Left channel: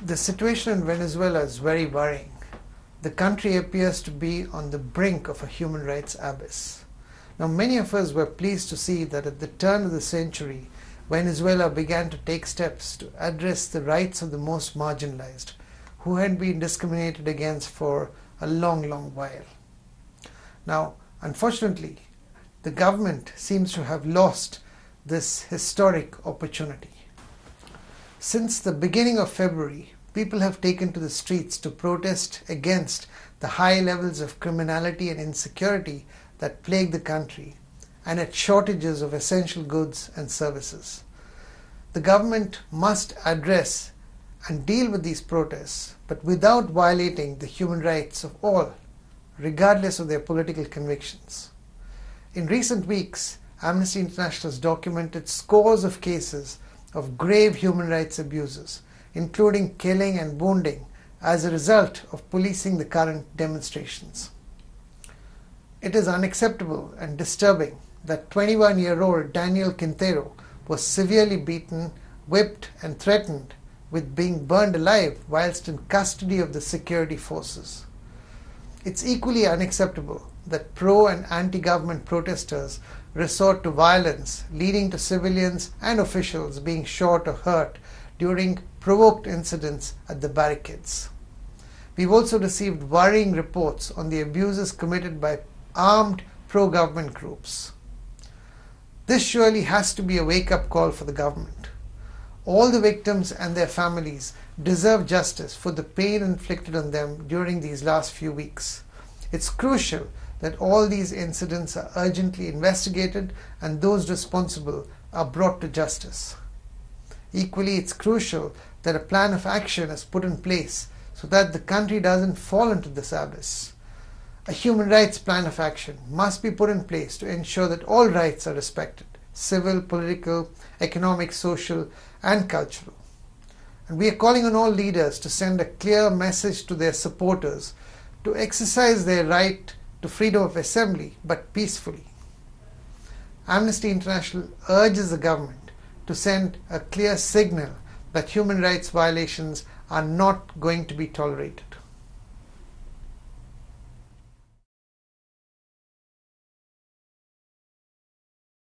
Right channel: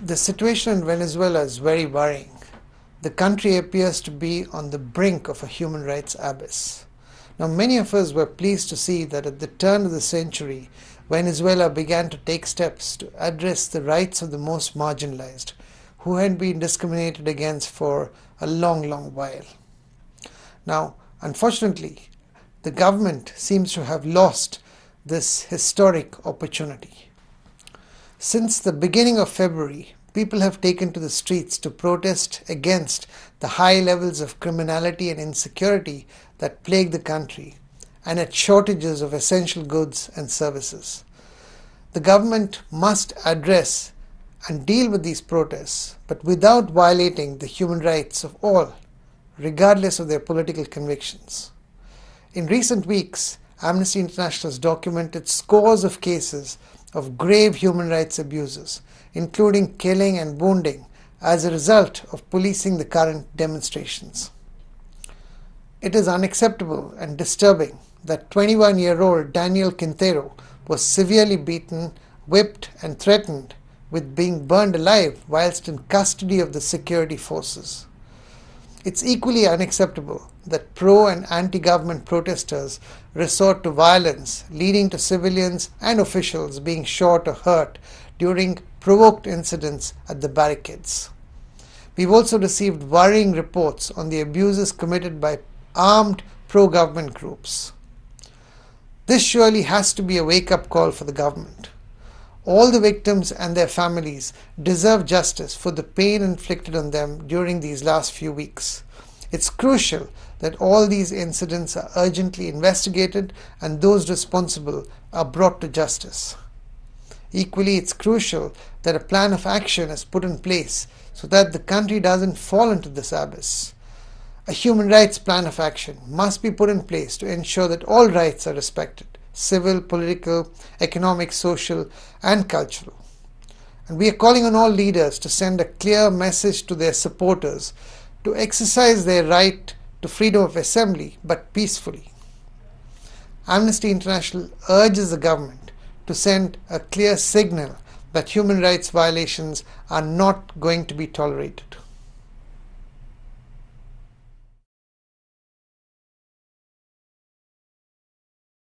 The situation in Venezuela is very worrying. The country appears to be on the brink of a human rights abyss. Now, many of us were pleased to see that at the turn of the century, Venezuela began to take steps to address the rights of the most marginalized, who had been discriminated against for a long, long while. Now, unfortunately, the government seems to have lost this historic opportunity. Since the beginning of February, people have taken to the streets to protest against the high levels of criminality and insecurity that plague the country and its shortages of essential goods and services. The government must address and deal with these protests, but without violating the human rights of all, regardless of their political convictions. In recent weeks, Amnesty International has documented scores of cases of grave human rights abuses, including killing and wounding, as a result of policing the current demonstrations. It is unacceptable and disturbing that 21-year-old Daniel Quintero was severely beaten, whipped, and threatened with being burned alive whilst in custody of the security forces. It's equally unacceptable that pro- and anti-government protesters resort to violence, leading to civilians and officials being shot or hurt during provoked incidents at the barricades. We've also received worrying reports on the abuses committed by armed pro-government groups. This surely has to be a wake-up call for the government. All the victims and their families deserve justice for the pain inflicted on them during these last few weeks. It's crucial that all these incidents are urgently investigated and those responsible are brought to justice. Equally, it's crucial that a plan of action is put in place so that the country doesn't fall into this abyss. A human rights plan of action must be put in place to ensure that all rights are respected: civil, political, economic, social, and cultural. And we are calling on all leaders to send a clear message to their supporters to exercise their right to freedom of assembly, but peacefully. Amnesty International urges the government to send a clear signal that human rights violations are not going to be tolerated.